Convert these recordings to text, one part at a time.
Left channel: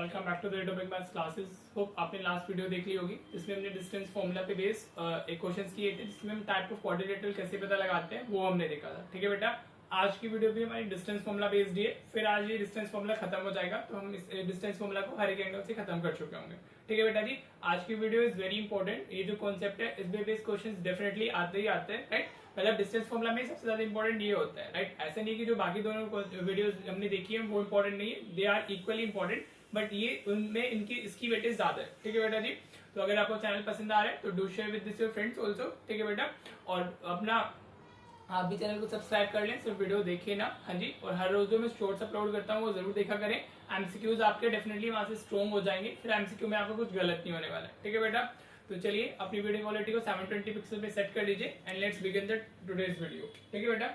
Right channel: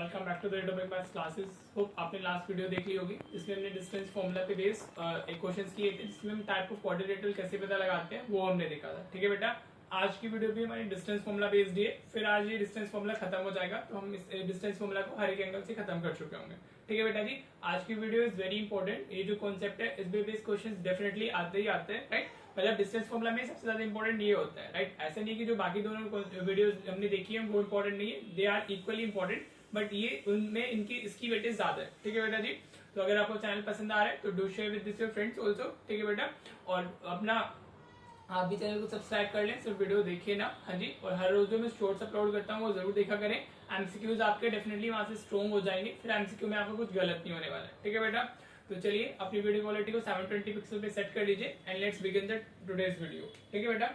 Welcome back to the topic maths classes. Hope आपने last video देख ली होगी। इसमें हमने डिस्टेंस फॉर्मूला पे बेस एक क्वेश्चंस किए थे जिसमें हम टाइप ऑफ क्वाड्रिलेटरल कैसे पता लगाते हैं वो हमने देखा था। ठीक है बेटा, आज की वीडियो भी हमारी डिस्टेंस फॉर्मूला बेस्ड है। फिर आज ये डिस्टेंस फॉर्मूला खत्म हो जाएगा तो हम इस डिस्टेंस फॉर्मूला को हर एक एंगल से खत्म कर चुके होंगे। ठीक है बेटा जी, आज की वीडियो इज वेरी इंपॉर्टेंट। ये जो कॉन्सेप्ट है इस पे बेस्ड क्वेश्चंस डेफिनेटली आते ही आते हैं, राइट। मतलब डिस्टेंस फॉर्मूला में सबसे ज्यादा इंपॉर्टेंट ये होता है, राइट। ऐसा नहीं कि जो बाकी दोनों वीडियोस हमने देखी है वो इंपॉर्टेंट नहीं है, they are equally important, but ये उनमें इनकी इसकी वेटेज ज्यादा है। ठीक है बेटा जी, तो अगर आपको चैनल पसंद आ रहा है तो do share with this your friends also. ठीक है बेटा, और अपना आप भी चैनल को सब्सक्राइब कर लें, सिर्फ वीडियो देखिए ना। हाँ जी, और हर रोज जो मैं शॉर्ट्स अपलोड करता हूँ वो जरूर देखा करें। एमसीक्यूज आपके डेफिनेटली वहां से स्ट्रॉन्ग हो जाएंगे, फिर एमसीक्यू में आपको कुछ गलत नहीं होने वाला है। ठीक है बेटा, तो चलिए अपनी वीडियो क्वालिटी को 720 पिक्सल पे सेट कर लीजिए and let's begin the today's video. ठीक है बेटा,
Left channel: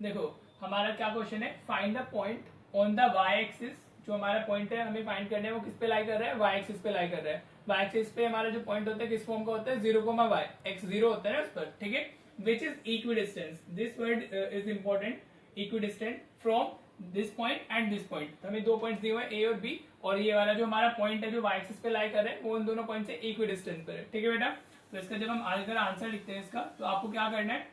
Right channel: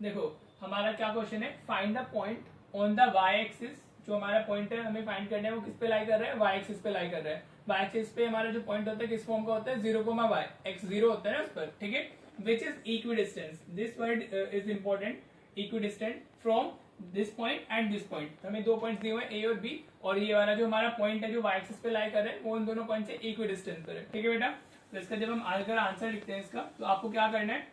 देखो हमारा क्या क्वेश्चन है, find the point on the y axis. जो हमारा पॉइंट है हमें फाइंड करना है वो किस पे लाई कर रहा है, वाई एक्सिस पे लाई कर रहा है। वाई एक्सिस पे हमारा जो पॉइंट होता है किस फॉर्म का होता है, 0, y, x 0 होता है ना उस पर। ठीक है, which is equidistance, this word is important, equidistant from this point and this point. हमें दो पॉइंट दिए हुए ए और बी, और ये वाला जो हमारा पॉइंट है जो वाई एक्सिस पे लाई कर रहा है वो उन दोनों पॉइंट से इक्विडिस्टेंस पर है। ठीक है बेटा, तो इसका जब हम आजकल आंसर लिखते हैं इसका, तो आपको क्या करना है,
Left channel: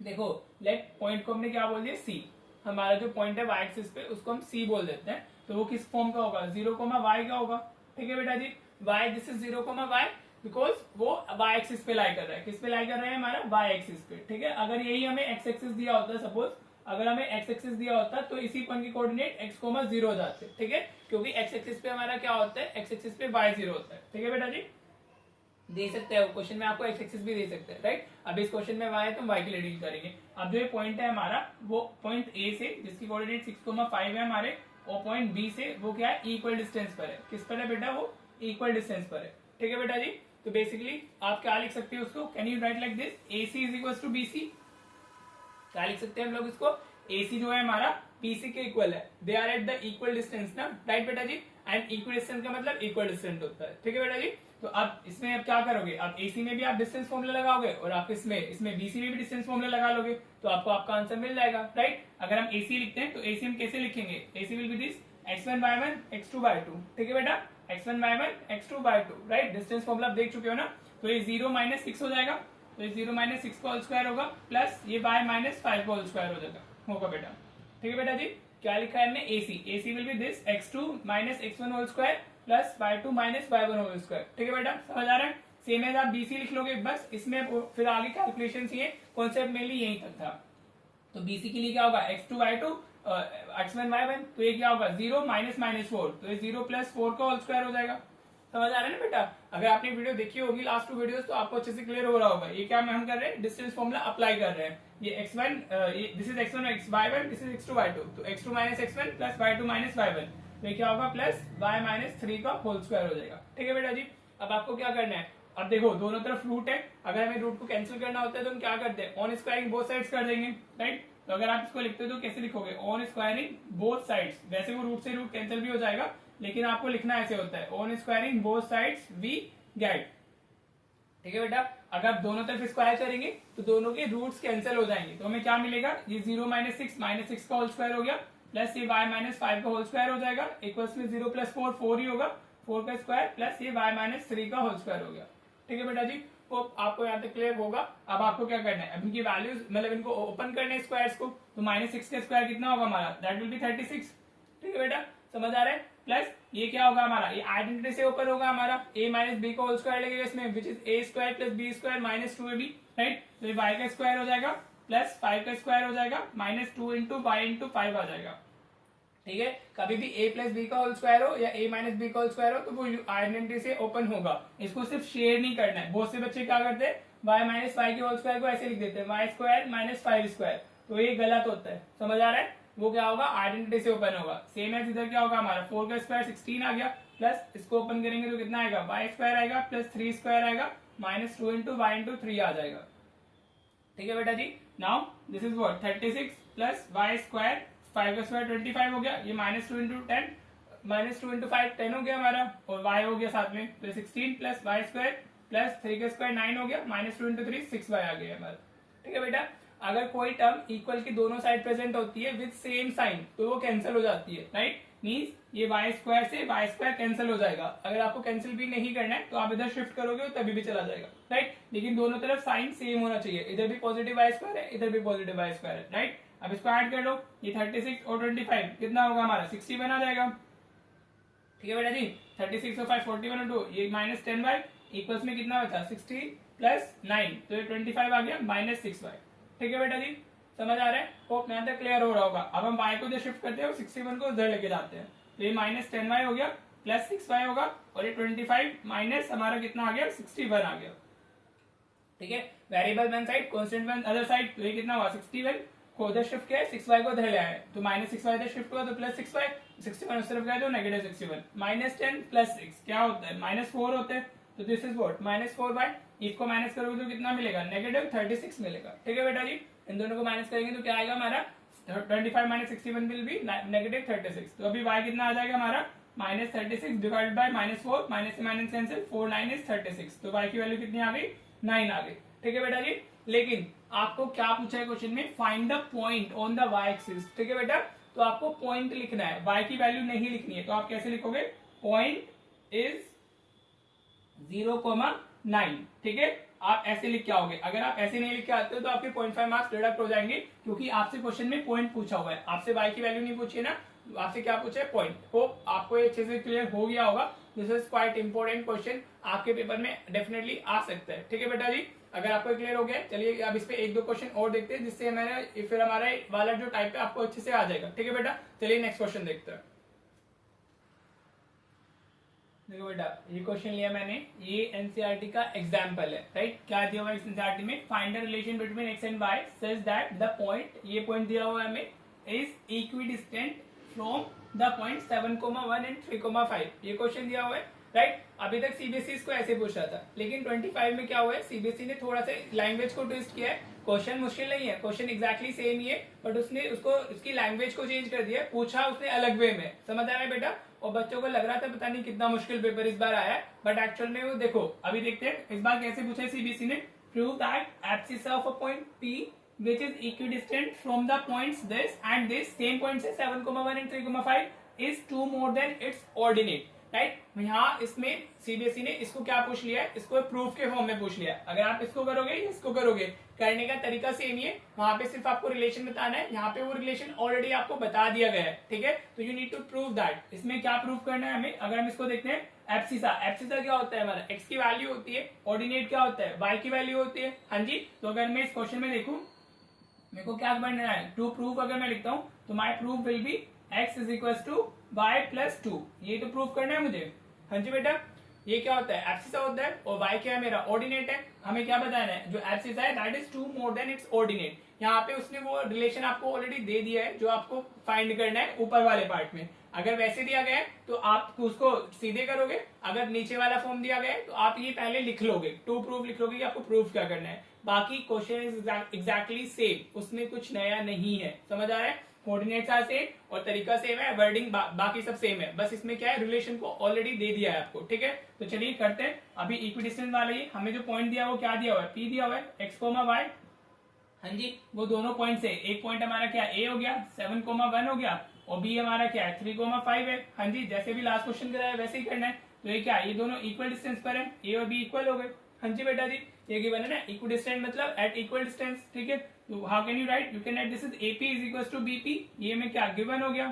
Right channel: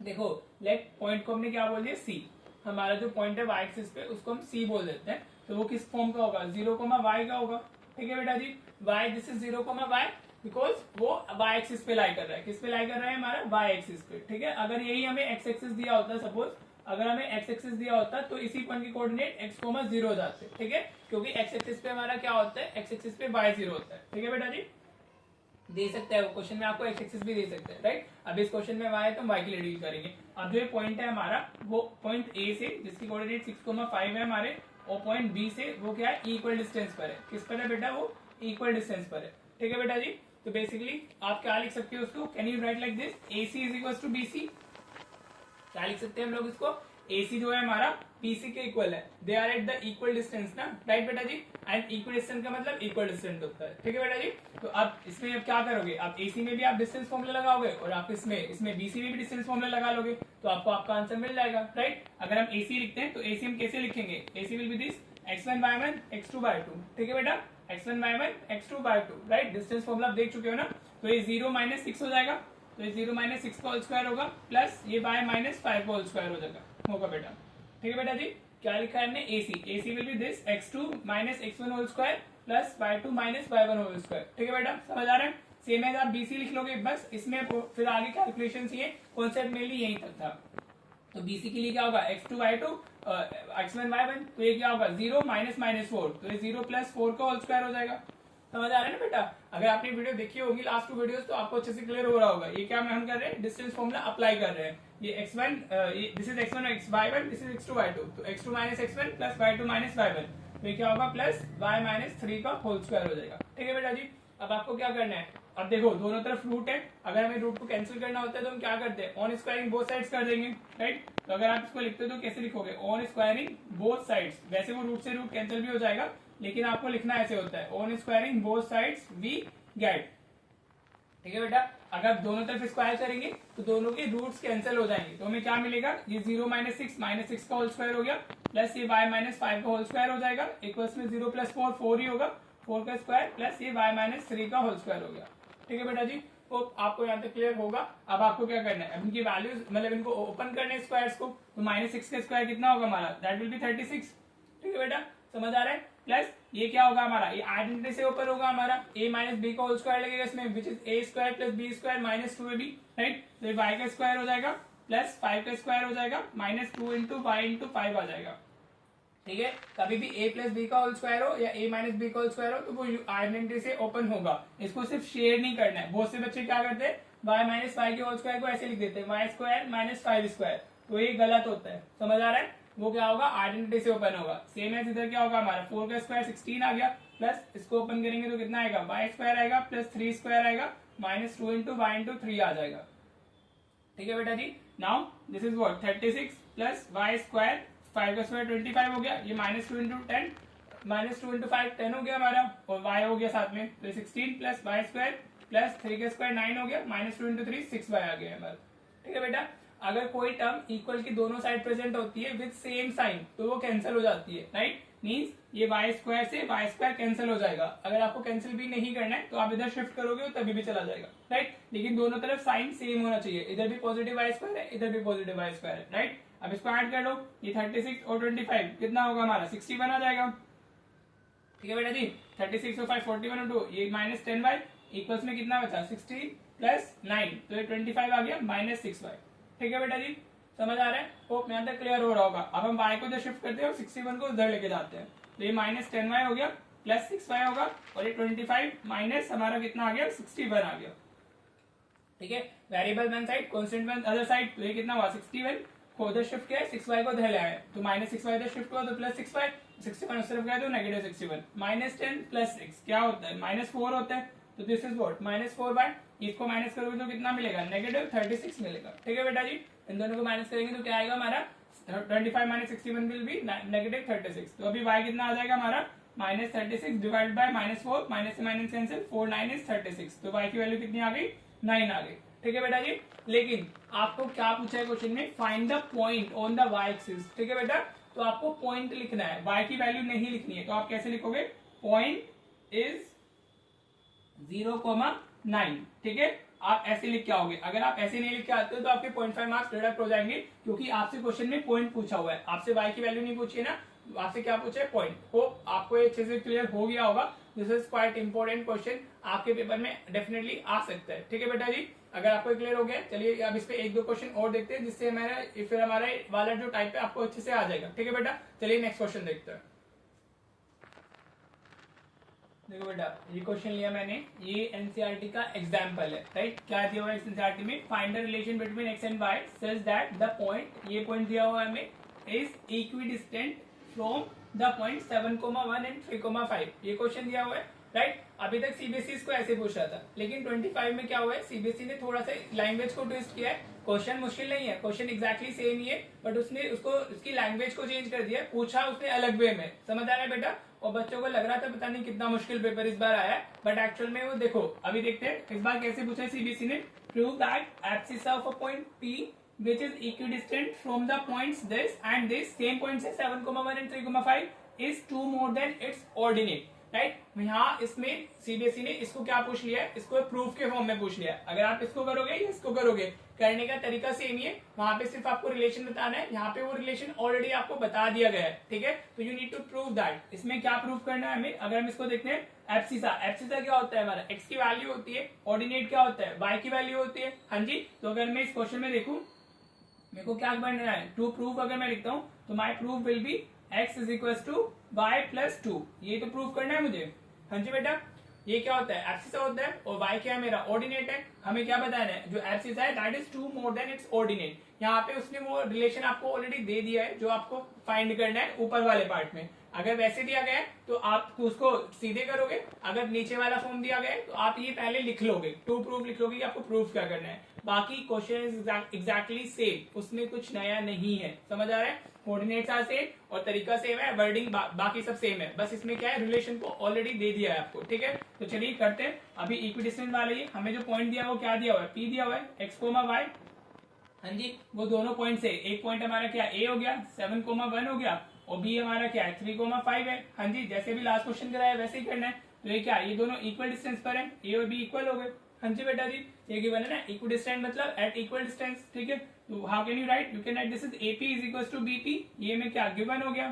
देखो लेट पॉइंट को हमने क्या बोल दिया, सी। हमारा जो पॉइंट है वाई एक्सिस पे उसको हम सी बोल देते हैं, तो वो किस फॉर्म का होगा, 0, y का होगा। ठीक है बेटा जी, y this is 0, y because वो y एक्सिस पे लाई कर रहा है। किस पे लाई कर रहा है, हमारा y एक्सिस पे। ठीक है, अगर यही हमें x एक्सिस दिया होता है, सपोज अगर हमें x एक्सिस दिया होता तो इसी पॉइंट के कोऑर्डिनेट x, 0 हो जाते। ठीक है, क्योंकि x एक्सिस पे हमारा क्या होता है, x एक्सिस पे y 0 होता है। ठीक है बेटा जी, दे सकता है वो क्वेश्चन में आपको x एक्सिस भी दे सकता है, राइट। अब इस क्वेश्चन में y है तो y के लिए डील करेंगे। अब जो ये पॉइंट है हमारा वो पॉइंट A से जिसकी कोऑर्डिनेट 6,5 है हमारे, और पॉइंट B से वो क्या है, इक्वल डिस्टेंस पर है। किस पर है बेटा, वो इक्वल डिस्टेंस पर है। ठीक है बेटा जी, तो बेसिकली आप क्या लिख सकते हो उसको, can you write like this, AC is equal to BC। क्या लिख सकते हैं हम लोग इसको, AC जो है हमारा BC के इक्वल है, they are at the equal distance ना, राइट बेटा जी। एंड इक्वल डिस्टेंस का मतलब इक्वल डिस्टेंस होता है। ठीक है बेटा जी, तो अब इसमें अब क्या करोगे, अब AC में भी आप डिस्टेंस फॉर्मूला लगाओगे और आप इसमें BC में भी डिस्टेंस फॉर्मूला लगा लोगे, तो आपको आपका आंसर मिल जाएगा, राइट। अगर हम AC लिखते हैं तो AC हम कैसे लिखेंगे, AC will be this x1 y1 x2 y2। ठीक है बेटा, x1 y1 x2 y2, right. Distance formula आप देख चुके हो ना, तो ये 0 - 6 हो जाएगा, तो ये 0 - 6 का होल स्क्वायर होगा, प्लस ये y - 5 का होल स्क्वायर हो जाएगा, होगा बेटा। ठीक है बेटा जी, क्या लिखा है हमने, AC will be this x2 - x1 whole square plus y2 - y1 whole square. ठीक है बेटा, समझ आ रहा है। सेम एज आप BC लिख लोगे बस, इसमें फिर आगे कैलकुलेशन ये कॉन्सेप्ट मेनली यहीं तक था। तो BC के लिए क्या होगा, x2 y2 x1 y1, तो ये क्या होगा 0 - -4, तो ये 0 + 4 का होल स्क्वायर हो जाएगा। समझ आ रहा है ना बेटा, अगर आपने वीडियो देखी होगी लास्ट 2 वीडियोस तो आपको अच्छे से क्लियर हो रहा होगा। ये क्या हम कर रहे हैं, डिस्टेंस फॉर्मूला अप्लाई कर रहे हैं। ये x1 this is x1 y1, this is x2 y2, तो x2 - x1 plus y2 - y1, तो ये क्या होगा, प्लस y - 3 का होल स्क्वायर हो जाएगा। ठीक है बेटा जी, अब आपको क्या करना है, अब देखो दोनों तरफ रूट है, अगर हमें रूट को कैंसिल करना होता है तो हम क्या करते हैं, ऑन स्क्वायरिंग बोथ साइड्स कर देंगे, राइट। तो अगर आप इसको लिखते हो तो कैसे लिखोगे, ऑन स्क्वायरिंग बोथ साइड्स। वैसे वो रूट से रूट कैंसिल भी हो जाएगा, लेकिन आपको लिखना ऐसे होता है, on squaring both sides we get. ठीक है बेटा, अगर आप दोनों तरफ स्क्वायर करेंगे तो दोनों के रूट्स कैंसिल हो जाएंगे, तो हमें क्या मिलेगा, ये 0 - 6 का होल स्क्वायर हो गया, प्लस ये y - 5 का होल स्क्वायर हो जाएगा, इक्वल्स में 0 + 4 4 ही होगा, 4 का स्क्वायर प्लस ये y - 3 का होल स्क्वायर हो गया। ठीक है बेटा जी, तो आपको यहाँ तक क्लियर होगा। अब आपको क्या करना है, अब इनकी वैल्यूज मतलब इनको ओपन करने स्क्वायर्स को, तो -6 का स्क्वायर कितना होगा हमारा, दैट विल बी 36। ठीक है बेटा, समझ आ रहा है। प्लस ये क्या होगा हमारा, ये आइडेंटिटी से ऊपर होगा हमारा, a - b का होल स्क्वायर लगेगा इसमें, which is a² + b² - 2ab, right. तो ये y का स्क्वायर हो जाएगा प्लस 5 का स्क्वायर हो जाएगा, -2 × y × 5 आ जाएगा। ठीक है, कभी भी a + b का होल स्क्वायर हो या a - b का होल स्क्वायर हो तो वो आइडेंटिटी से ओपन होगा, इसको सिर्फ शेयर नहीं करना है। बहुत से बच्चे क्या करते हैं, y - 5 के होल स्क्वायर को ऐसे लिख देते हैं, y² - 5², तो ये गलत होता है। समझ आ रहा है, वो क्या होगा, आइडेंटिटी से ओपन होगा। सेम एज इधर क्या होगा हमारा, 4 का स्क्वायर 16 आ गया, प्लस इसको ओपन करेंगे तो कितना आएगा, y² आएगा प्लस 3² आएगा, -2 × y × 3 आ जाएगा। ठीक है बेटा जी, now this is what 36 plus y², 5 का स्क्वायर 25 हो गया, ये -2 × 10, -2 × 5 10 हो गया हमारा, और y हो गया साथ में, तो 16 प्लस y² प्लस 3 का स्क्वायर 9 हो गया, -2 × 3 6y आ गया हमारा। ठीक है बेटा, अगर कोई टर्म इक्वल की दोनों साइड प्रेजेंट होती है विद सेम साइन तो वो कैंसिल हो जाती है, राइट। मीन्स ये वाई स्क्वायर से वाई स्क्वायर कैंसिल हो जाएगा। अगर आपको कैंसिल भी नहीं करना है तो आप इधर शिफ्ट करोगे तो तभी भी चला जाएगा, राइट। लेकिन दोनों तरफ साइन सेम होना चाहिए, इधर भी पॉजिटिव वाई स्क्वायर है, इधर भी पॉजिटिव वाई स्क्वायर है, राइट। अब इसको ऐड कर लो, ये 36 और 25 कितना होगा हमारा 60 बना जाएगा, ठीक है बेटा जी। 36 और 5 41 और 2 ये -10y इक्वल्स में कितना बचा 60 प्लस 9 तो ये 25 आ गया -6y, ठीक है बेटा जी। समझ आ रहा है, होप यहाँ तक क्लियर हो रहा होगा। अब हम y को जो शिफ्ट करते हैं 61 को उधर लेके जाते हैं, तो ये -10y हो गया प्लस 6y होगा और ये 25 माइनस हमारा कितना आ गया 61 आ गया, ठीक है। Variable one side constant one other side, तो ये कितना हुआ 61 को उधर शिफ्ट किया 6y को उधर ले आए तो -6y इधर शिफ्ट हुआ तो +6y 61 उस तरफ गया तो -61 -10 + 6 क्या होता है -4 होता है, तो दिस इज व्हाट -4 इसको माइनस करोगे तो कितना मिलेगा -36 मिलेगा, ठीक है बेटा जी। इन दोनों को माइनस करेंगे तो क्या आएगा हमारा 25 - 61 विल बी -36। तो अभी y कितना आ जाएगा हमारा -36 डिवाइड बाय -4 माइनस से माइनस कैंसिल 4 9 इज 36, तो y की वैल्यू कितनी आ गई 9 आ गई, ठीक है बेटा जी। लेकिन आपको क्या पूछा है क्वेश्चन में, find the point on the y axis, ठीक है बेटा। तो आपको पॉइंट लिखना है, y की वैल्यू नहीं लिखनी है, तो आप कैसे लिखोगे पॉइंट इज 0,9, ठीक है। आप ऐसे लिख के आओगे, अगर आप ऐसे नहीं लिख के आते हो तो आपके 0.5 मार्क्स डिडक्ट हो जाएंगे, क्योंकि आपसे क्वेश्चन में पॉइंट पूछा हुआ है, आपसे y की वैल्यू नहीं पूछी है ना, आपसे क्या पूछा है पॉइंट। होप आपको ये अच्छे से क्लियर हो गया होगा। This is quite important question, आपके पेपर में डेफिनेटली आ सकता है, ठीक है बेटा जी। अगर आपको क्लियर हो गया, चलिए अब इस पे एक दो क्वेश्चन और देखते हैं, जिससे हमारा फिर हमारा वाला जो टाइप है आपको अच्छे से आ जाएगा, ठीक है बेटा। चलिए नेक्स्ट क्वेश्चन देखते हैं। देखो बेटा ये क्वेश्चन लिया मैंने, ये एनसीईआरटी का एग्जांपल है, राइट। क्या दिया हुआ है इस एनसीईआरटी में, find the relation between x and y such that the point, ये पॉइंट दिया हुआ है हमें, is equidistant from the point 7,1 and 3,5। ये क्वेश्चन दिया हुआ है, राइट। अभी तक सीबीएसई इसको ऐसे पूछ रहा था, लेकिन 25 में क्या हुआ है, सीबीएसई ने थोड़ा सा लैंग्वेज को ट्विस्ट किया है। क्वेश्चन मुश्किल नहीं है, क्वेश्चन एग्जैक्टली सेम ही है, बट उसने उसको उसकी लैंग्वेज को चेंज कर दिया, पूछा उसने अलग वे में, समझ आ रहा है बेटा। और बच्चों को लग रहा था पता नहीं कितना मुश्किल पेपर इस बार आया है, बट एक्चुअल में वो देखो अभी देखते हैं इस बार कैसे पूछा है सीबीएसई ने। Prove that abscess of a point P which is equidistant from the points this and this, same points है 7,1 and 3,5 is 2 more than its ordinate, right. यहाँ इसमें सीबीएसई ने इसको क्या पूछ लिया है, इसको प्रूफ के फॉर्म में पूछ लिया है। अगर आप इसको करोगे या इसको करोगे, करने का तरीका सेम ही है, वहां पे सिर्फ आपको रिलेशन बताना है, यहाँ पे वो रिलेशन ऑलरेडी आपको बता दिया गया है, ठीक है। तो you need to prove that. इसमें क्या प्रूफ करना है हमें, अगर हम इसको देखते हैं एब्सिसा, एब्सिसा क्या होता है हमारा, एक्स की वैल्यू होती है, ऑर्डिनेट क्या होता है वाई की वैल्यू होती है, हाँ जी। तो अगर मैं इस क्वेश्चन में देखूं, मेरे को क्या बनना है, टू प्रूफ अगर मैं लिखता हूं तो my proof will be x is equal to y plus 2, ये तो प्रूफ करना है मुझे, हाँ जी बेटा। ये क्या होता है एब्सिसा होता है, और y क्या है मेरा ऑर्डिनेट है। हमें क्या बताना है, जो एब्सिसा है that is 2 more than it's ordinate. यहाँ पे उसने वो रिलेशन आपको ऑलरेडी दे दिया है जो आपको फाइंड करना है ऊपर वाले पार्ट में। अगर वैसे दिया गया है तो आप उसको सीधे करोगे, अगर नीचे वाला फॉर्म दिया गया है तो आप ये पहले लिख लोगे, टू प्रूफ लिख लोगे कि आपको प्रूफ क्या करना है। बाकी क्वेश्चन इज एग्जैक्टली सेम, उसमें कुछ नया नहीं है, समझ आ रहा है। कोऑर्डिनेट्स आर सेम और तरीका सेम है, वर्डिंग बाकी सब सेम है, बस इसमें क्या है रिलेशन को ऑलरेडी दे दिया है आपको, ठीक है। तो चलिए करते हैं। अभी इक्विडिस्टेंस वाला ही हमें जो पॉइंट दिया वो क्या दिया हुआ है, P दिया हुआ है, x, y, हाँ जी। वो दोनों पॉइंट से एक पॉइंट हमारा क्या A हो गया, 7,1 हो गया, और B हमारा क्या है 3,5 है, हाँ जी। जैसे भी लास्ट क्वेश्चन कराया वैसे ही करना है। तो ये क्या, ये दोनों इक्वल डिस्टेंस पर है, A और B इक्वल हो गए, हाँ जी बेटा जी। ये गिवन है ना, इक्वल डिस्टेंस मतलब एट इक्वल डिस्टेंस, ठीक है। तो how can you write, you can write this is AP is equal to BP, ये में क्या गिवन हो गया,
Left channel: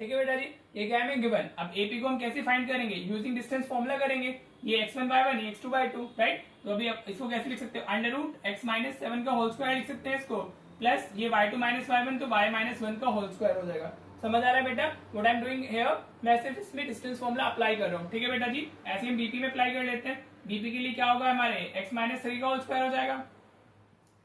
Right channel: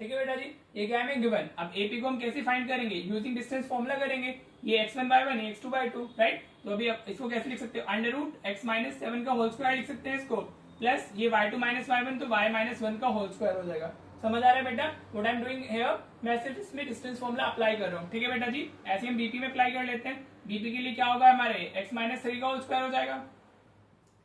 ठीक है बेटा जी। ये क्या है गिवन। अब AP को हम कैसे फाइंड करेंगे, यूजिंग डिस्टेंस फॉर्मूला करेंगे, ये x1/1 ये x2/2, राइट। तो अभी इसको कैसे लिख सकते हो, √x-7 का होल स्क्वायर लिख सकते हैं इसको, प्लस ये y2 - y1 तो y-1 का होल स्क्वायर हो जाएगा। समझ आ रहा है बेटा what I am doing here, मैं सिर्फ इसमें डिस्टेंस फॉर्मूला अप्लाई कर रहा हूँ, ठीक है बेटा जी। ऐसे हम BP में अप्लाई कर लेते हैं। BP के लिए क्या होगा हमारे x-3 का होल स्क्वायर हो जाएगा,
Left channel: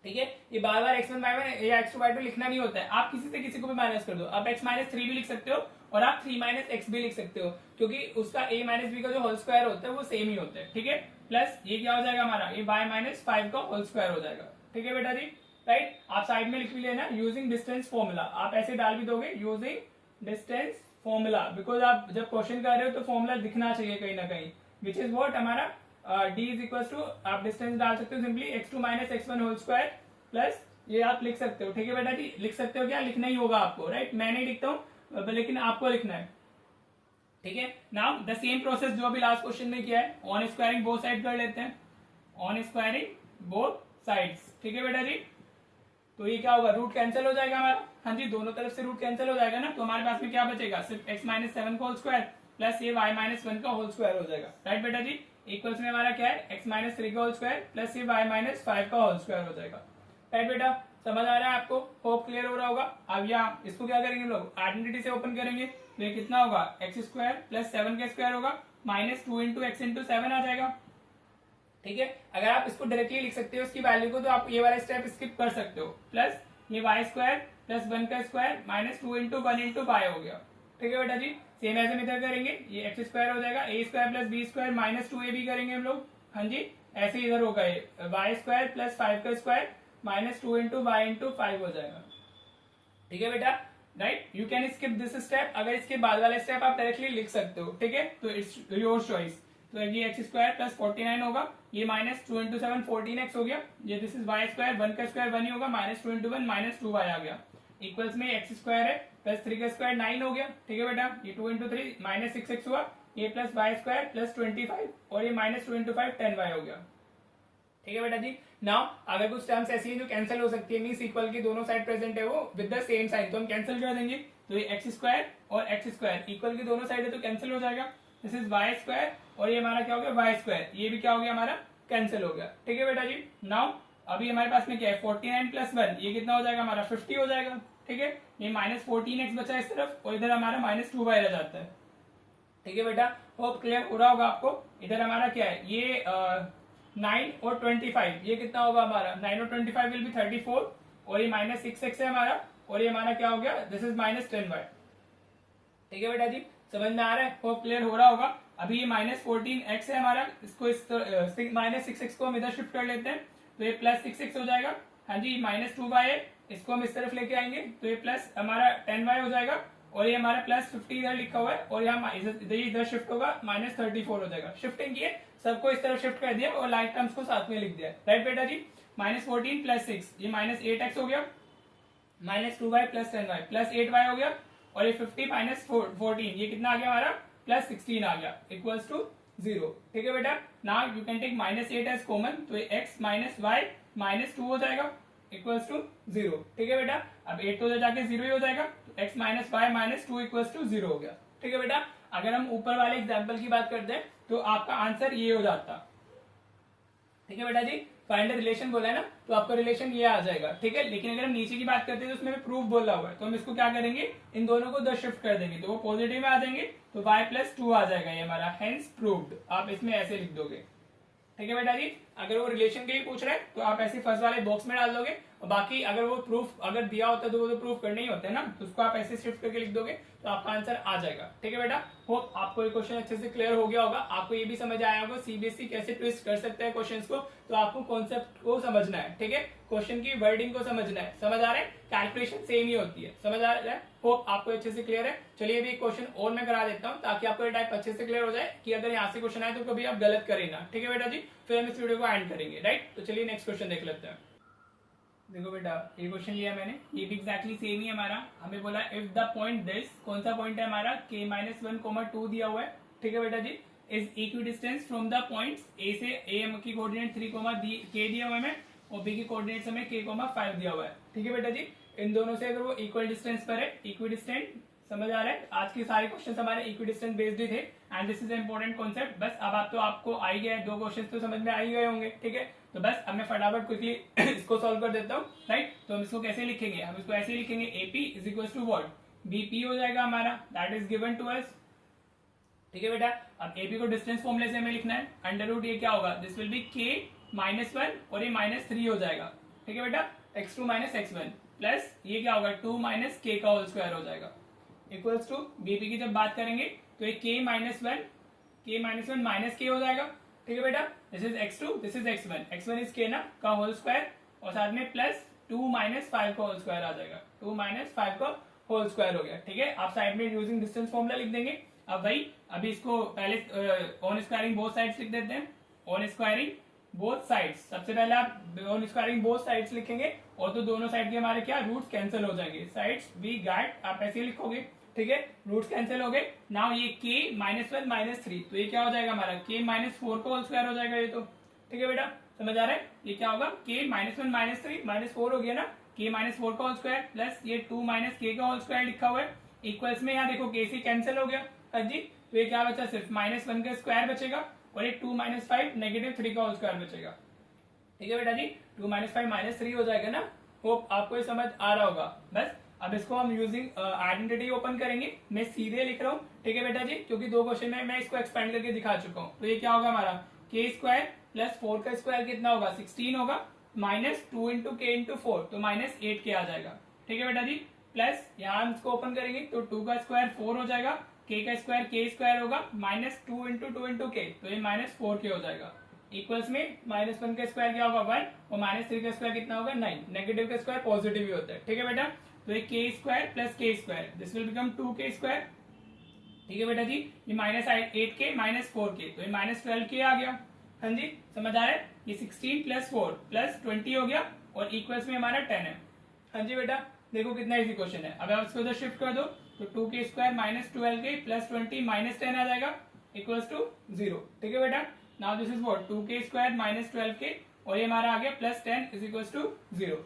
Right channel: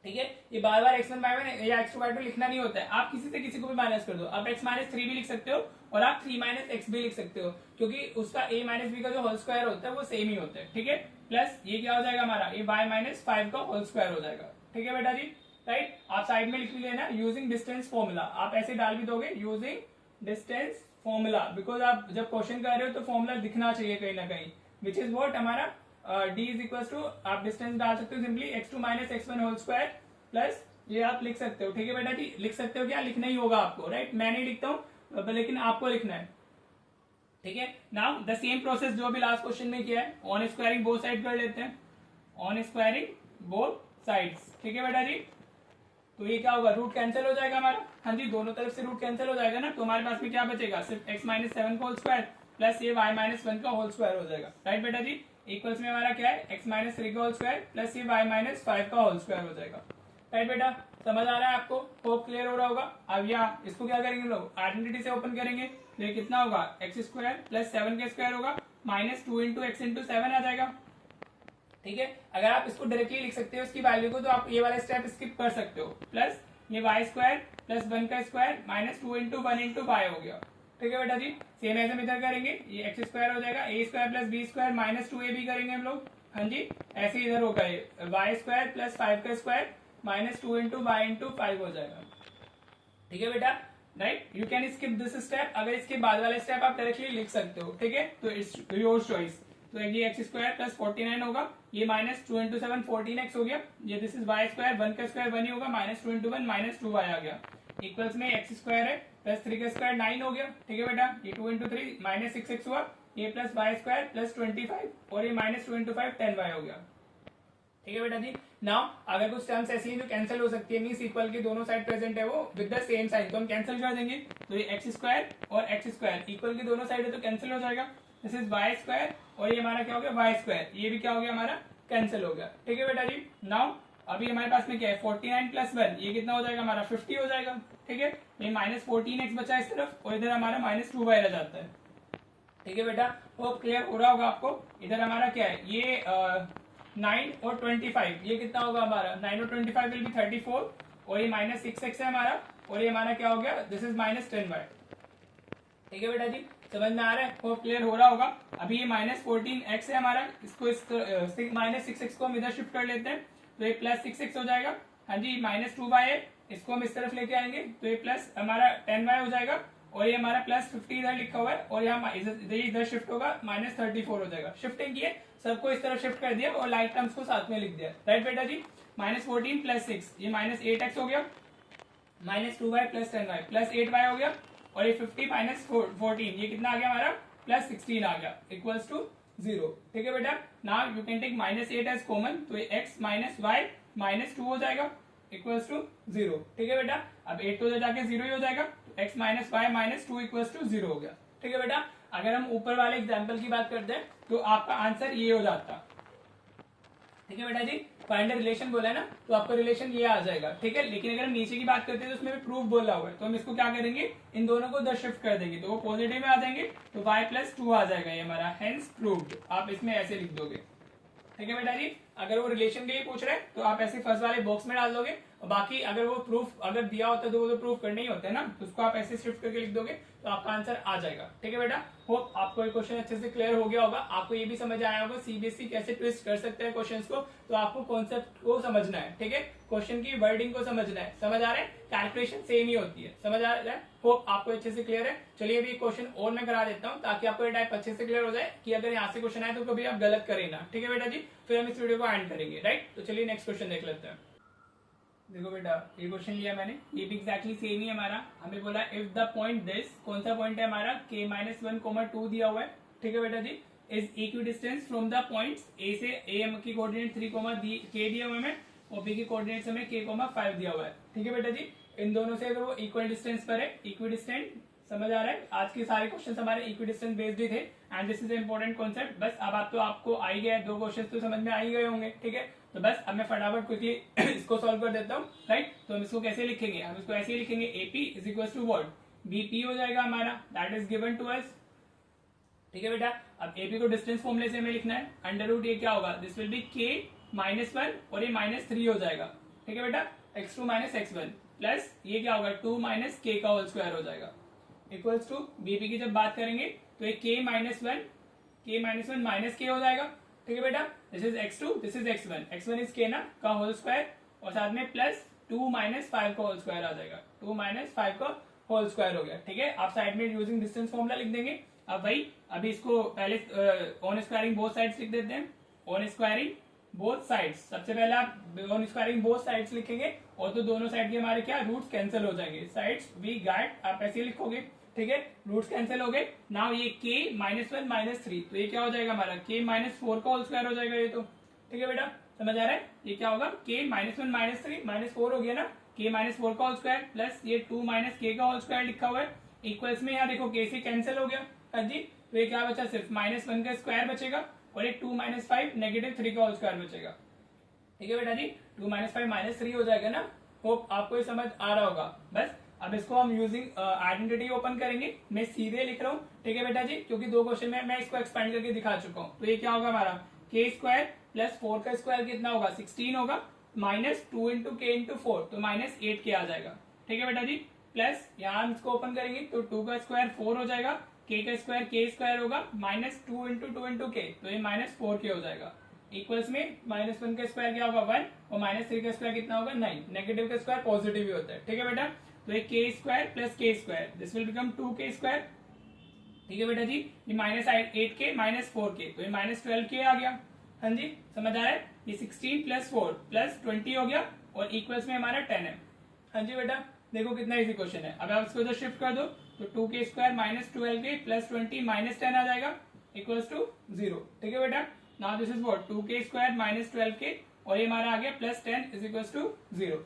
ठीक है। ये बार बार x1/1 या x2/2 लिखना नहीं होता है, आप किसी से किसी को भी माइनस कर दो। आप x-3 भी लिख सकते हो और आप 3 - x भी लिख सकते हो, क्योंकि उसका a - b का जो होल स्क्वायर होता है वो सेम ही होता है, ठीक है। प्लस ये क्या हो जाएगा हमारा, ये y-5 का होल स्क्वायर हो जाएगा, ठीक है बेटा जी, राइट। आप साइड में लिख लेना यूजिंग डिस्टेंस फॉर्मूला, आप ऐसे डाल भी दोगे यूजिंग डिस्टेंस फॉर्मूला, बिकॉज आप जब क्वेश्चन कर रहे हो तो फॉर्मूला दिखना चाहिए कहीं ना कहीं, विच इज वॉट हमारा d इज इक्वल टू, आप डिस्टेंस डाल सकते हो simply x2 - x1 whole square, plus ये आप लिख सकते हो, ठीक है बेटा जी। लिख सकते हो, क्या लिखना ही होगा आपको, राइट। मैं नहीं लिखता हूँ, लेकिन आपको लिखना है, ठीक है। नाउ द सेम प्रोसेस जो अभी लास्ट क्वेश्चन में किया है, ऑन स्क्वायरिंग बोथ साइड कर लेते हैं, ऑन स्क्वायरिंग बोथ साइड्स, ठीक है बेटा जी। तो ये क्या होगा, रूट कैंसिल हो जाएगा हमारा, हाँ जी, दोनों तरफ से रूट कैंसिल हो जाएगा ना, तो हमारे पास में क्या बचेगा, सिर्फ x माइनस 7 का होल स्क्वायर प्लस ये y माइनस 1 का होल स्क्वायर हो जाएगा, राइट बेटा जी। इक्वल्स में हमारा क्या है, x माइनस 3 का होल स्क्वायर प्लस ये y माइनस 5 का होल स्क्वायर हो जाएगा, राइट बेटा। समझ आ रहा है आपको, होप क्लियर हो रहा होगा। अब यहाँ इसको क्या करेंगे हम लोग, आइडेंटिटी से ओपन करेंगे, तो ये कितना होगा, एक्स स्क्वायर प्लस 7 का स्क्वायर होगा माइनस 2 इंटू एक्स इंटू 7 आ जाएगा, ठीक है। अगर आप इसको डायरेक्टली लिख सकते हो इसकी वैल्यू को, तो आप ये वाला स्टेप स्किप कर सकते हो, प्लस ये वाई स्क्वायर प्लस 1 का square minus 2 into 1 into y हो गया, ठीक है बेटा जी। सेम ऐसे हम इधर करेंगे, ये एक्स स्क्वायर हो जाएगा, a square plus b square minus 2 a भी करेंगे हम लोग, हाँ जी। ऐसे इधर होगा ये वाई स्क्वायर प्लस 5 का square minus 2 into y into 5 हो जाएगा, ठीक है बेटा, right. You can skip this step, अगर इसके बाद वाला स्टेप आप डायरेक्टली लिख सकते हो, ठीक है, तो इट्स योर चॉइस। तो ये एक्स स्क्वायर प्लस 49 होगा, ये माइनस 2 इंटू 7 14x हो गया, ये दिस इज वाई स्क्वायर, 1 का स्क्वायर 1 ही होगा, माइनस 2 इंटू 1 माइनस 2 वाई आ गया, इक्वल्स में एक्स स्क्वायर है प्लस 3 का स्क्वायर 9 हो गया, ठीक है बेटा। ये 2 इंटू 3 माइनस 6x हुआ, ये प्लस वाई स्क्वायर प्लस 25 और ये माइनस 2 इंटू 5 10y हो गया, ठीक है बेटा जी। नाउ अगर कुछ टर्म्स ऐसी हैं जो कैंसिल हो सकती है, मींस इक्वल की दोनों साइड प्रेजेंट है वो विद द सेम साइन, तो हम कैंसिल कर देंगे, तो ये एक्स स्क्वायर और एक्स स्क्वायर इक्वल की दोनों साइड है तो कैंसिल हो जाएगा, दिस इज वाई स्क्वायर और ये हमारा क्या हो गया वाई स्क्वायर, ये भी क्या हो गया हमारा कैंसिल हो गया, ठीक है बेटा जी। नाउ अभी हमारे पास में क्या है 49 प्लस 1, ये कितना हो जाएगा हमारा 50 हो जाएगा, ठीक है। ये माइनस 14x बचा इस तरफ और इधर हमारा माइनस 2y रह जाता है, ठीक है बेटा। होप क्लियर हो रहा होगा आपको। इधर हमारा क्या है, ये 9 और 25, ये कितना होगा हमारा 9 और 25 विल बी 34 और ये माइनस 6x है हमारा और ये हमारा क्या हो गया, दिस इज माइनस 10y, ठीक है बेटा जी। समझ में आ रहा है, होप क्लियर हो रहा होगा। अभी ये माइनस 14x है हमारा, इसको माइनस 6x को हम इधर शिफ्ट कर लेते हैं, तो ये प्लस 6x हो जाएगा, हाँ जी। माइनस 2y है, इसको हम इस तरफ लेके आएंगे तो ये प्लस हमारा 10y हो जाएगा और ये हमारा प्लस 50 इधर लिखा हुआ है और यहाँ इधर शिफ्ट होगा माइनस 34 हो जाएगा। शिफ्टिंग किए, सबको इस तरफ शिफ्ट कर दिया और लाइक टर्म्स को साथ में लिख दिया, राइट बेटा जी। माइनस 14 प्लस 6, ये माइनस 8x हो गया, minus 2y plus 10y plus 8y हो गया और ये 50 माइनस 14, ये कितना आ गया हमारा प्लस 16 आ गया, इक्वल्स टू 0, ठीक है बेटा। Now you can take minus 8 as common, तो x माइनस y माइनस 2 हो जाएगा, इक्वल्स टू 0, ठीक है बेटा। अब 8 तो जाके 0 ही हो जाएगा, x minus y minus 2 equals to 0 हो गया, ठीक है बेटा। अगर हम ऊपर वाले एग्जाम्पल की बात करते हैं तो आपका आंसर ये हो जाता, ठीक है बेटा जी। फाइंड द रिलेशन बोला है ना, तो आपका रिलेशन ये आ जाएगा, ठीक है। लेकिन अगर हम नीचे की बात करते हैं तो उसमें भी प्रूफ बोला हुआ है, तो हम इसको क्या करेंगे, इन दोनों को 10 शिफ्ट कर देंगे तो वो पॉजिटिव में आ जाएंगे, तो y प्लस 2 आ जाएगा ये हमारा, हेंस प्रूव्ड। आप इसमें ऐसे लिख दोगे, ठीक है बेटा जी। अगर वो रिलेशन के लिए पूछ रहे हैं तो आप ऐसे फर्स्ट वाले बॉक्स में डाल दोगे, और बाकी अगर वो प्रूफ अगर दिया होता है तो वो तो प्रूफ करने ही होते हैं ना, तो उसको आप ऐसे शिफ्ट करके लिख दोगे तो आपका आंसर आ जाएगा, ठीक है बेटा। होप आपको ये क्वेश्चन अच्छे से क्लियर हो गया होगा। आपको ये भी समझ आया होगा सीबीएसई कैसे ट्विस्ट कर सकते हैं क्वेश्चंस को, तो आपको कॉन्सेप्ट को समझना है, ठीक है। क्वेश्चन की वर्डिंग को समझना है, समझ आ रहा है, कैलकुलेशन सेम ही होती है, समझ आ रहा है। होप आपको अच्छे से क्लियर है। चलिए अभी क्वेश्चन और मैं करा देता हूँ ताकि आपको ये टाइप अच्छे से क्लियर हो जाए कि अगर यहाँ से क्वेश्चन आए तो कभी आप गलत करें ना, ठीक है बेटा जी। फिर हम इस वीडियो को एंड करेंगे, राइट। तो चलिए नेक्स्ट क्वेश्चन देख लेते हैं। देखो बेटा, ये क्वेश्चन लिया मैंने, ये भी एक्जैक्टली सेम ही हमारा। हमें बोला इफ द पॉइंट दिस, कौन सा पॉइंट है हमारा, k माइनस 1,2 दिया हुआ है, ठीक है बेटा जी, is equidistant from the points a से a की कोऑर्डिनेट 3, k दिया हुआ है हमें, और b की कोऑर्डिनेट्स हमें k,5 दिया हुआ है, ठीक है बेटा जी। इन दोनों से अगर वो इक्वल डिस्टेंस पर है, इक्वी डिस्टेंस, समझ आ रहा है। आज के सारे क्वेश्चन हमारे इक्वी डिस्टेंस बेस्ड ही थे, and this is important concept. बस अब आप तो आपको आ ही गया है, 2 क्वेश्चन तो समझ में आ ही गए होंगे, ठीक है। तो बस अब मैं फटाफट क्विकली इसको सॉल्व कर देता हूँ, राइट। तो हम इसको कैसे लिखेंगे, हम इसको ऐसे ही लिखेंगे, AP is equal to what, BP हो जाएगा हमारा, that is given to us, ठीक है बेटा। अब AP को डिस्टेंस फॉर्मूले से हमें लिखना है, अंडर रूट ये क्या होगा, this will be k minus 1 और ये माइनस 3 हो जाएगा, ठीक है बेटा, x2 माइनस x1 प्लस ये क्या होगा 2 माइनस k का होल स्क्वायर हो जाएगा, इक्वल्स टू BP की जब बात करेंगे तो ये k माइनस 1 माइनस k हो जाएगा, ठीक है बेटा। This is x2, this is x1 is k ना का होल स्क्वायर, और साथ में प्लस 2 माइनस 5 का होल स्क्वायर आ जाएगा, 2 माइनस 5 का होल स्क्वायर हो गया, ठीक है। आप साइड में यूजिंग डिस्टेंस फॉर्मूला लिख देंगे। अब भाई अभी इसको पहले ऑन स्क्वायरिंग बोथ साइड्स लिख देते हैं, ऑन स्क्वायरिंग बोथ साइड्स। सबसे पहले आप ऑन स्क्वायरिंग बोथ साइड्स लिखेंगे और तो दोनों साइड के हमारे क्या रूट्स कैंसिल हो जाएंगे, साइड्स वी गॉट, आप ऐसे लिखोगे, ठीक है, रूट्स कैंसिल हो गए। नाउ ये k -1 -3, तो ये क्या हो जाएगा हमारा k -4 का होल स्क्वायर हो जाएगा ये तो। ठीक है बेटा, समझ आ रहा है? ये क्या होगा, k -1 -3 -4 हो गया ना, k -4 का होल स्क्वायर प्लस ये 2 k का होल स्क्वायर लिखा हुआ है, इक्वल्स में यहाँ देखो k से कैंसिल हो गया। हाँ जी, तो ये क्या बचा, सिर्फ -1 का स्क्वायर बचेगा और एक 2 - 5 -3 का होल स्क्वायर बचेगा। ठीक है बेटा जी, 2 - 5 -3 हो जाएगा ना। होप आपको ये समझ आ रहा होगा। बस अब इसको हम यूजिंग आइडेंटिटी ओपन करेंगे। मैं सीधे लिख रहा हूँ, ठीक है बेटा जी, क्योंकि 2 क्वेश्चन में मैं इसको एक्सपेंड करके दिखा चुका हूँ। तो ये क्या होगा हमारा, k स्क्वायर प्लस 4 का स्क्वायर कितना होगा, 16 होगा, माइनस 2 इंटू k इंटू 4, तो -8k आ जाएगा। ठीक है बेटा जी, प्लस यहाँ हम इसको ओपन करेंगे तो 2 का स्क्वायर 4 हो जाएगा, k का स्क्वायर k स्क्वायर होगा, -2 इंटू 2 इंटू k, तो ये -4k हो जाएगा। इक्वल्स में -1 का स्क्वायर क्या होगा 1 और -3 का स्क्वायर कितना होगा 9। नेगेटिव का स्क्वायर पॉजिटिव ही होता है। ठीक है बेटा, तो ये k square plus k square, this will become 2k square. ठीक है बेटा जी, ये -8k -4k, तो ये -12k आ गया। हाँ जी, समझ आ रहा है? ये 16 प्लस 4 प्लस 20 हो गया और इक्वल्स में हमारा 10 है। हाँ जी बेटा, देखो कितना इजी क्वेश्चन है। अब आप इसको उधर शिफ्ट कर दो तो 2k स्क्वायर -12k प्लस 20 -10 आ जाएगा, इक्वल्स टू 0। ठीक है बेटा, now this is what, 2k square -12k और ये हमारा आ गया plus 10 is equals to 0।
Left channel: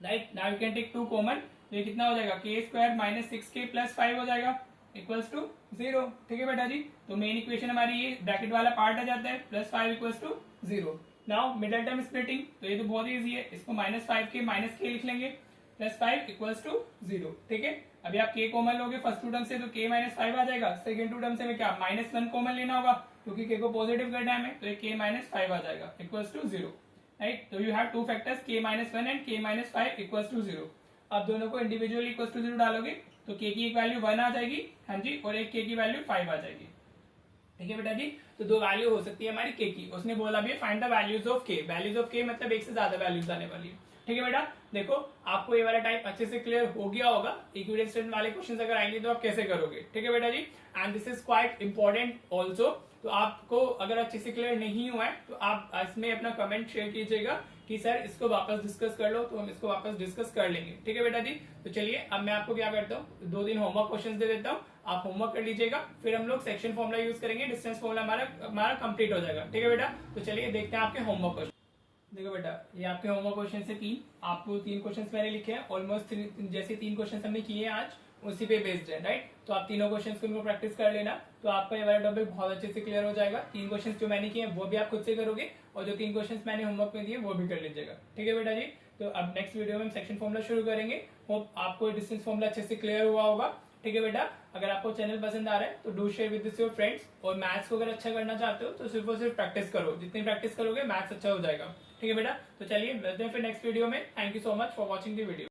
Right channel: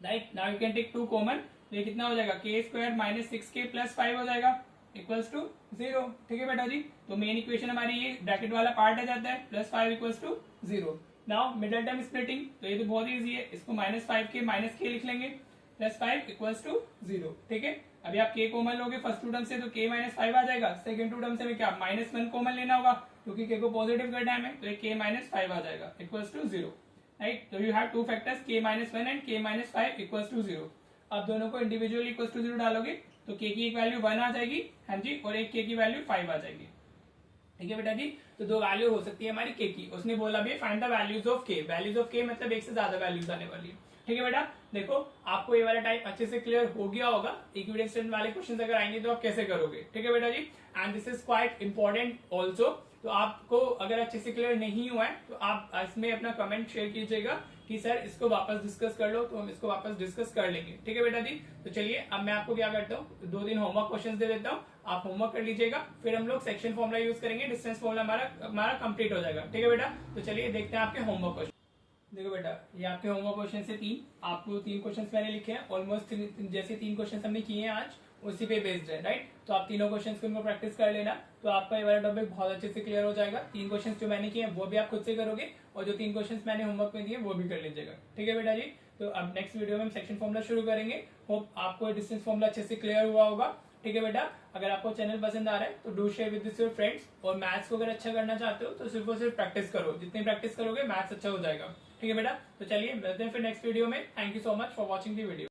Right, now you can take 2 common, ये कितना हो जाएगा, k स्क्वायर -6k प्लस 5 हो जाएगा, इक्वल्स टू 0। ठीक है बेटा जी, तो मेन इक्वेशन हमारी ये ब्रैकेट वाला पार्ट आ जाता है, +5 equals to 0। Now middle term splitting, तो ये तो बहुत इजी है, इसको -5k -k लिख लेंगे, +5 इक्वल्स टू 0। ठीक है, अभी आप k कॉमन लोगे फर्स्ट टू टर्म से तो k -5 आ जाएगा, सेकंड टू टर्म से क्या -1 कॉमन लेना होगा क्योंकि k को पॉजिटिव करना है हमें, तो ये k -5 आ जाएगा, इक्वल्स टू 0। राइट, तो you have two factors k -1 and k -5 equals to 0। आप दोनों को इंडिविजुअली इक्वल्स टू 0 डालोगे तो k की एक वैल्यू 1 आ जाएगी, हाँ जी, और एक k की वैल्यू 5 आ जाएगी। ठीक है बेटा जी, तो 2 वैल्यू हो सकती है हमारी k की। उसने बोला भी find the values of k, values of k मतलब एक से ज्यादा वैल्यूज आने वाली है। ठीक है बेटा, देखो आपको ये वाला टाइप अच्छे से क्लियर हो गया होगा। इक्विवेलेंट स्टूडेंट वाले क्वेश्चन अगर आएंगे तो आप कैसे करोगे। ठीक है बेटा जी, and this is quite important also. तो आपको अगर अच्छे से क्लियर नहीं हुआ है तो आप इसमें अपना कमेंट शेयर कीजिएगा कि सर इसको वापस डिस्कस कर लो, तो हम इसको वापस डिस्कस कर लेंगे। ठीक है बेटा जी, तो चलिए अब मैं आपको क्या करता हूँ, 2-3 होमवर्क क्वेश्चन दे देता हूँ, आप होमवर्क कर लीजिएगा, फिर हम लोग सेक्शन फॉर्मुला यूज करेंगे, डिस्टेंस फॉर्मुला हमारा कंप्लीट हो जाएगा। ठीक है बेटा, तो चलिए देखते हैं आपके होमवर्क क्वेश्चन। देखो बेटा, ये आपके होमवर्क क्वेश्चन से 3 आपको 3 क्वेश्चंस मैंने लिखे हैं, ऑलमोस्ट जैसे 3 क्वेश्चंस हमने किए हैं आज उसी पे बेस्ड है। राइट, तो आप तीनों क्वेश्चंस को उनको प्रैक्टिस कर लेना, तो आपका ये वाला टॉपिक बहुत अच्छे से क्लियर हो जाएगा। 3 क्वेश्चंस जो मैंने किए हैं वो भी आप खुद से करोगे और जो 3 क्वेश्चंस मैंने होमवर्क में दिए वो भी कर लीजिएगा। ठीक है बेटा जी, तो अब नेक्स्ट वीडियो में हम सेक्शन फॉर्मुला शुरू करेंगे। होप आपको डिस्टेंस फॉर्मुला अच्छे से क्लियर हुआ होगा। ठीक है बेटा, अगर आपको चैनल पसंद आ रहा है तो do share with your friends, और मैथ्स को अगर अच्छा करना चाहते हो तो सिर्फ और सिर्फ प्रैक्टिस करो, जितनी प्रैक्टिस करोगे मैथ्स अच्छा हो जाएगा। ठीक है बेटा, तो चलिए मिलते हैं फिर नेक्स्ट वीडियो में। Thank you so much for watching the video.